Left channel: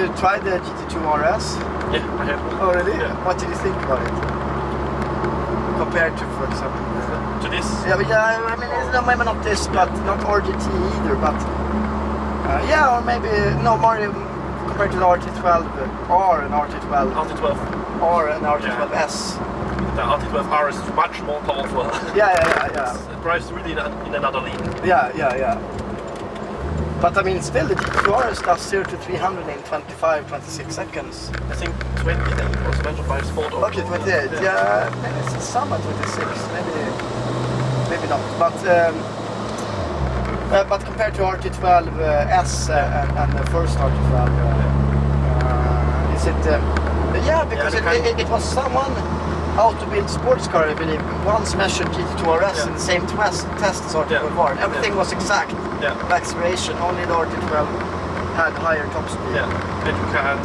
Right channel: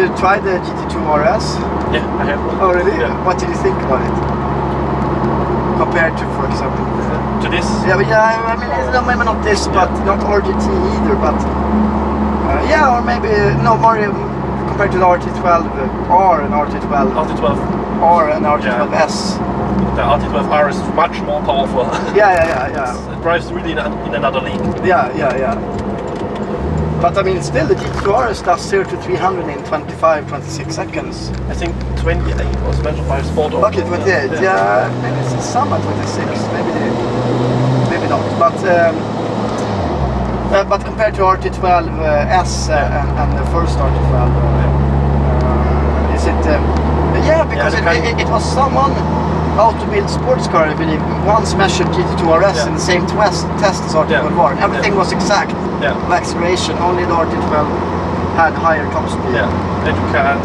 you tried the GT2 RS? Yeah, I have one. Oh really? Yeah. What did you think about it? Compared to, for example, To this? yeah, but yeah, I mean, it's not, maybe not this, but not RGT either, but yeah, or maybe no more compared to the RT12R and RT12. RT12R and RT12S. The RT12R is much more powerful. Yeah. It drives really in another league. Yeah. But I mean, still the GT2 RS does 0 to 300 in 26 seconds. I think 28 was mentioned by Sport. Okay, 28. Yeah, maybe it's some at 26. Maybe not. But compared to RT12S and the first RT12, is it? Yeah, because it was someone Automobile sports car, I believe, once measured GT2 RS in the same test as RT12R. Everything was exact. Yeah. The acceleration, only the RT12 had higher top speed. Yeah, and you can't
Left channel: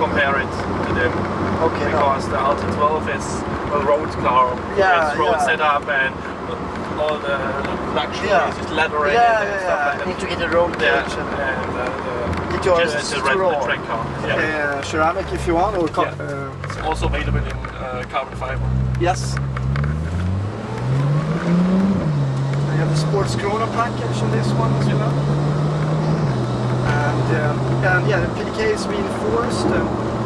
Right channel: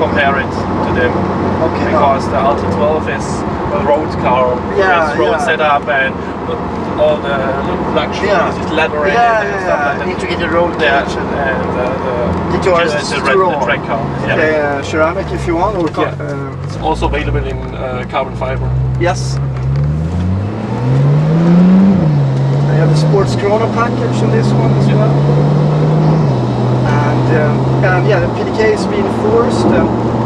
compare it to them. Okay, because the RT12 is a road car with road setup and all the luxuries, is leather and stuff like that. Integrated roll cage and the GT2 RS is the track car. Yeah. Ceramic if you want, or it's also available in carbon fiber. Yes. I have the sports Corona package in this one as well. And yeah, the PDK is reinforced.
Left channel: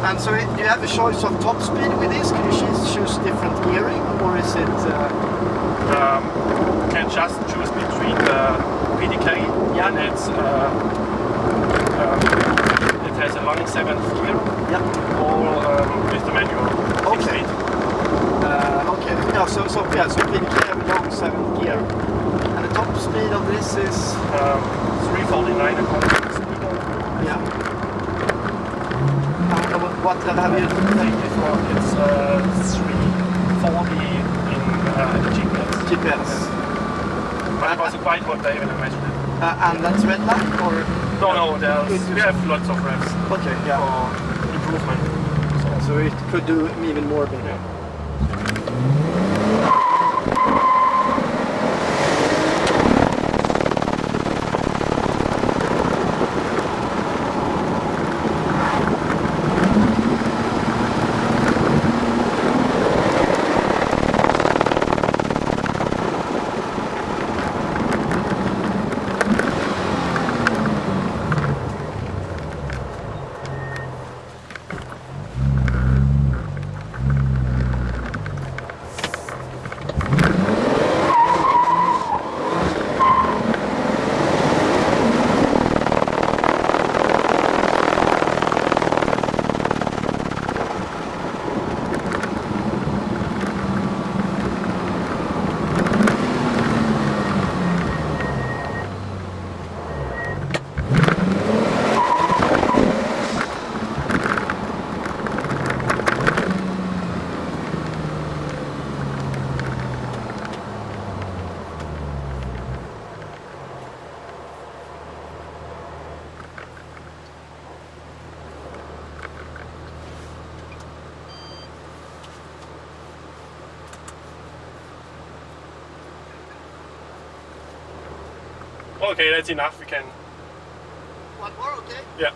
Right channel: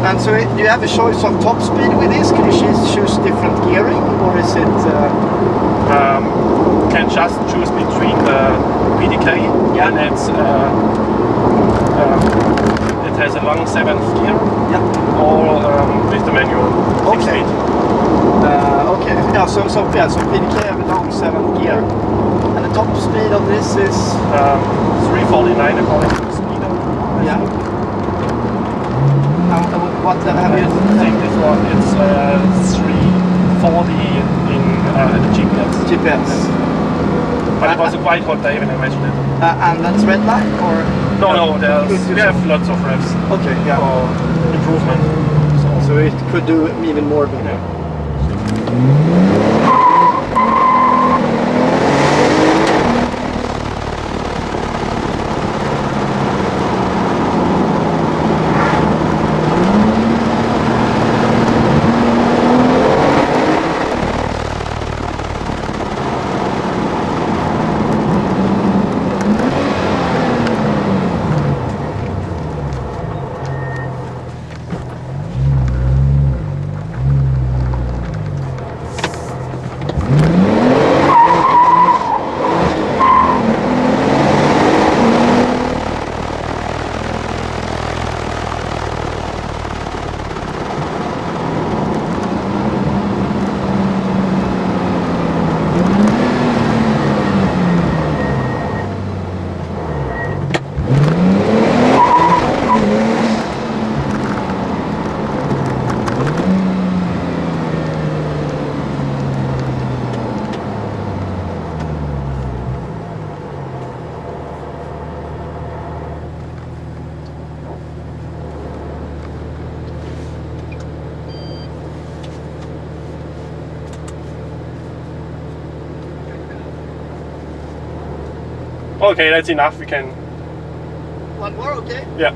And so do you have a choice of top speed with this? Can you choose different gearing, or is it? You can just choose between the PDK and it has a long 7th gear, or with the manual 6-8. Okay. Yeah. So PDK have a long 7th gear. And the top speed of this is 349 according to the speeder. Yeah. What have you? I think this one it's 340 in the GPS. But it was a quite hot day when I measured it. And that's red light, or? No. We have lots of revs. Okay. Yeah. For improvement. So it could do even more maybe. Okay, that's enough. We can. One more, okay? Yeah.